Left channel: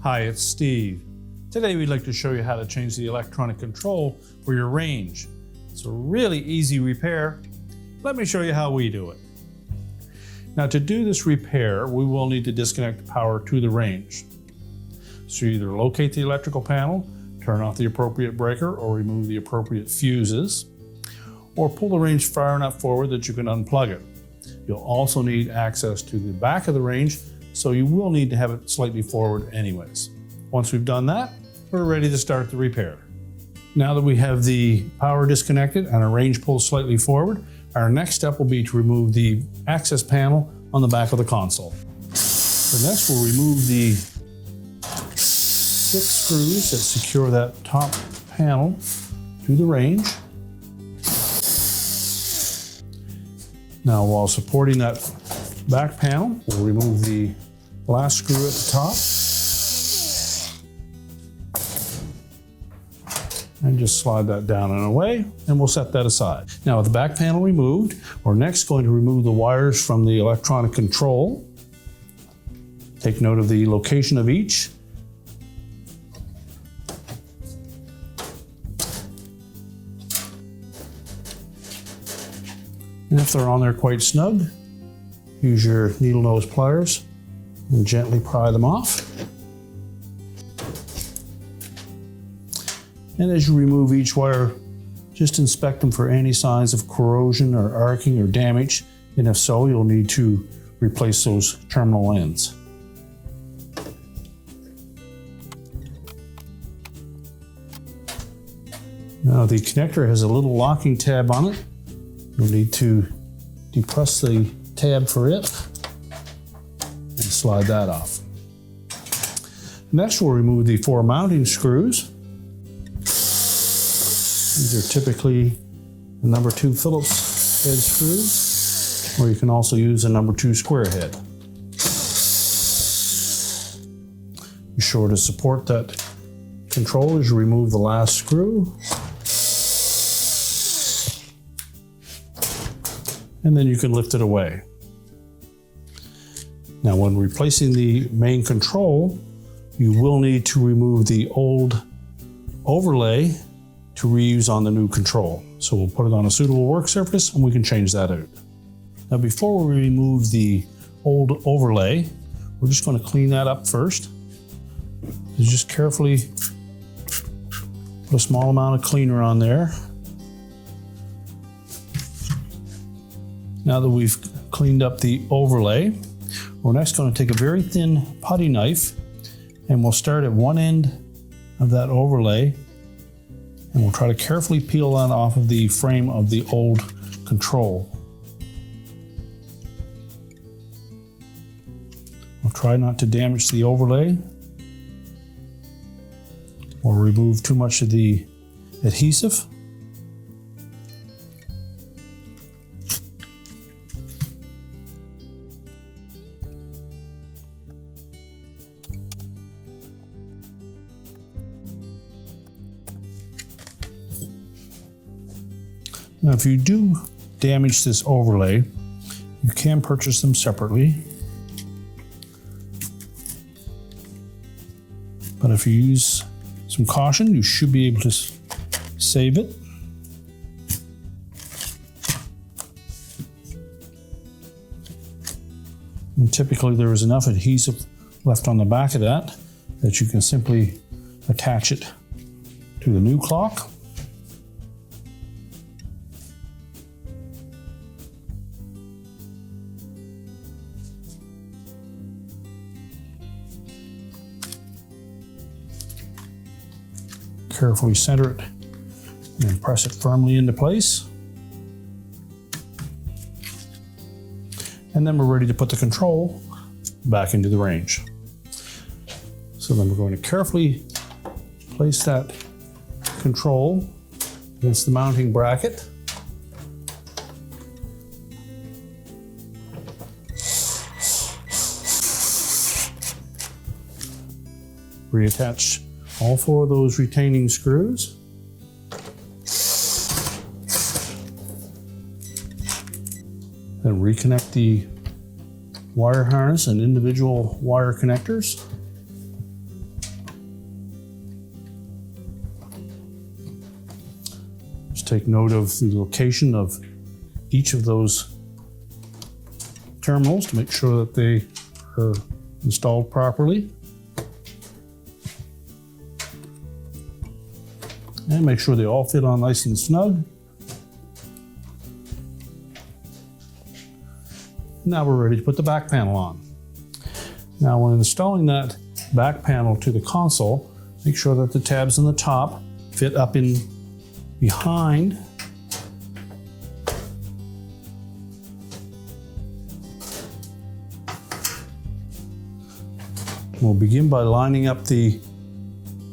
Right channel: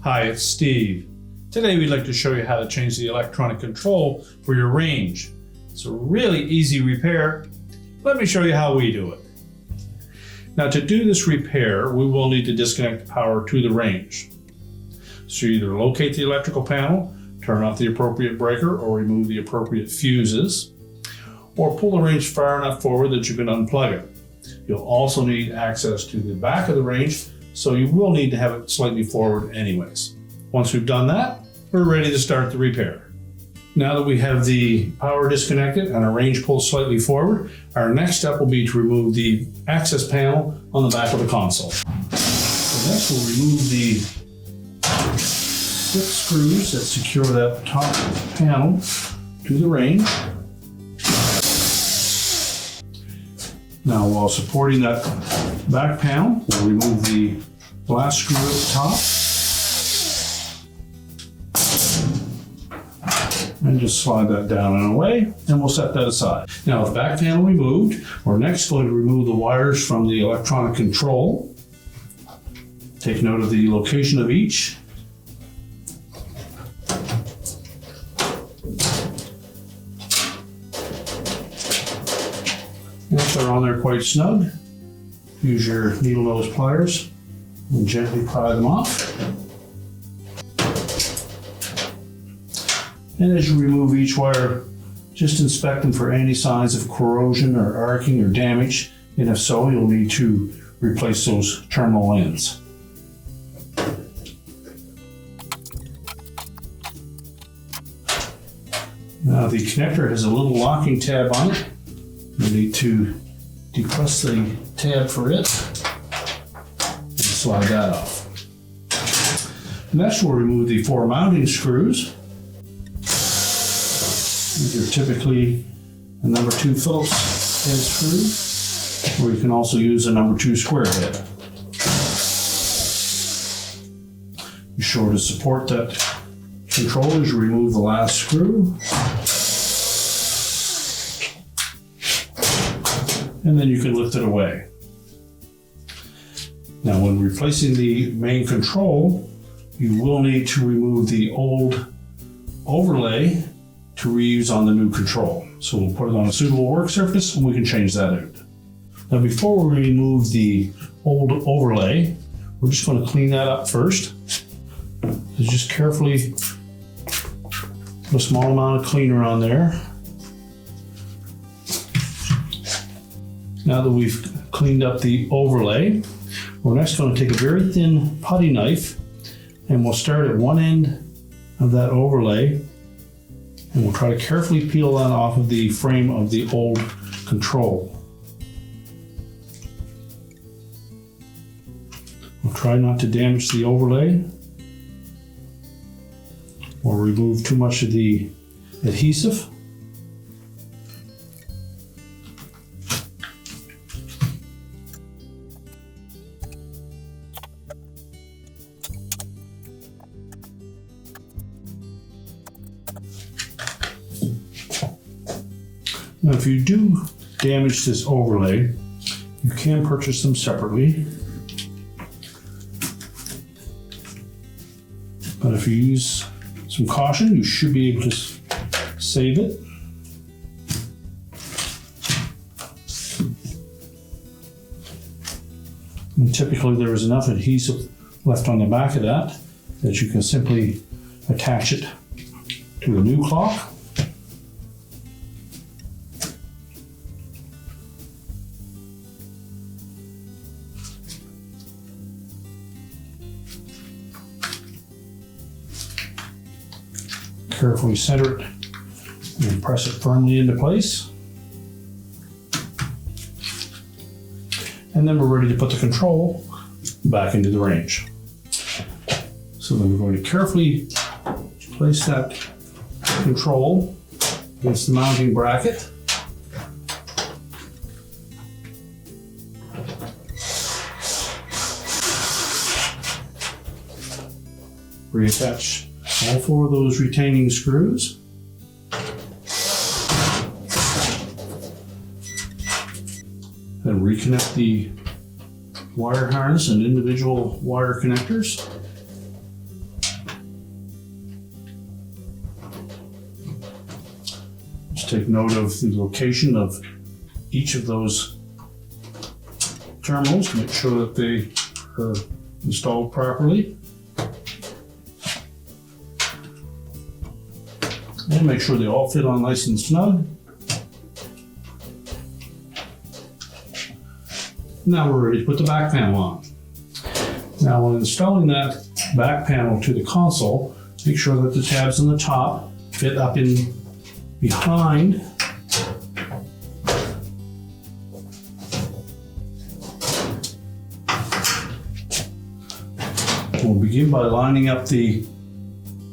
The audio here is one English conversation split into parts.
Hi, it's Steve. Today we'd like to show you how to change the electronic control for your range. It's a really easy repair. Let me show you how we do it. Now, to do this repair, we will need to disconnect the power to the range. So you either locate the electrical panel, turn off the appropriate breaker, or remove the appropriate fuses, or pull the range far enough forward that you can unplug it. You'll also need access to the back of the range, so you will need to have it slightly forward anyways. Once we've done that, we're ready to start the repair. Now that we have the power disconnected and our range pulled slightly forward, our next step will be to remove the access panel on the back of the console. So next we'll remove the 6 screws that secure that top panel to the range. Now, while supporting that back panel, we'll remove the last screw at the top and just slide that down and away, and we'll set that aside. Now, with the back panel removed, we're next going to remove the wires from the electronic control. Take note of the location of each. Once they're on there quite snug, use your needle nose pliers and gently pry them off. And as you remove each wire, just inspect them for any signs of corrosion or arcing or damage, and if so, you'll need to replace those terminal ends. Now, the connector has a little locking tab on it. You need to depress the tab for it and slide that off. Next, we'll remove the 4 mounting screws. These are typically a number 2 Phillips head screw, or you can also use a number 2 square head. Be sure to support that control as you remove the last screw. And then you can lift it away. Now, when replacing the main control, you will need to remove the old overlay to reuse on the new control. So we'll put it on a suitable work surface and we can change that out. Now, before we remove the old overlay, we're just going to clean that up first. So just carefully put a small amount of cleaner on there. Now that we've cleaned up the overlay, we're next going to take a very thin putty knife and we'll start at one end of that overlay and we'll try to carefully peel that off of the frame of the old control. We'll try not to damage the overlay or remove too much of the adhesive. Now, if you do damage this overlay, you can purchase them separately. But if you use some caution, you should be able to save it. And typically there is enough adhesive left on the back of that you can simply attach it to the new clock. Carefully center it and press it firmly into place. And then we're ready to put the control back into the range. So then we're going to carefully place that control against the mounting bracket. Reattach all 4 of those retaining screws. and reconnect the wire harness and individual wire connectors. Just take note of the location of each of those terminals to make sure that they are installed properly. And make sure they all fit on nice and snug. Now we're ready to put the back panel on. Now when installing that back panel to the console, make sure that the tabs on the top fit up in behind. We'll begin by lining up the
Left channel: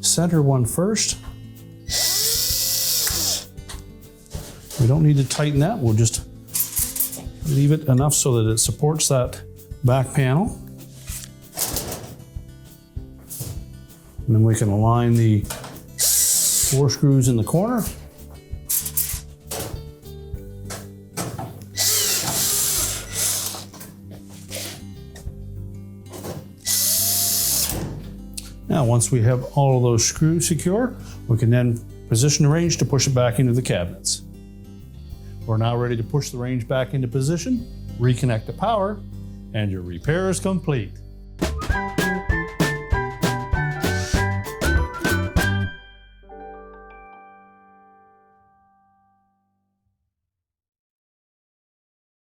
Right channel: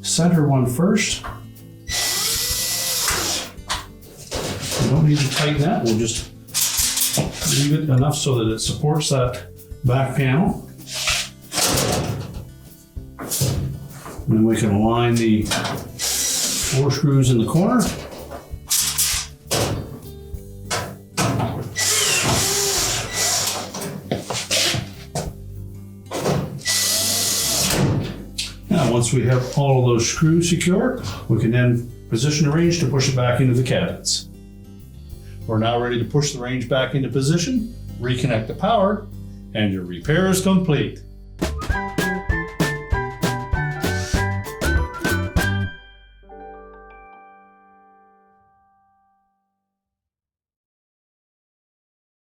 center one first. We don't need to tighten that, we'll just leave it enough so that it supports that back panel. And then we can align the 4 screws in the corner. Now, once we have all of those screws secure, we can then position the range to push it back into the cabinets. We're now ready to push the range back into position, reconnect the power, and your repair is complete.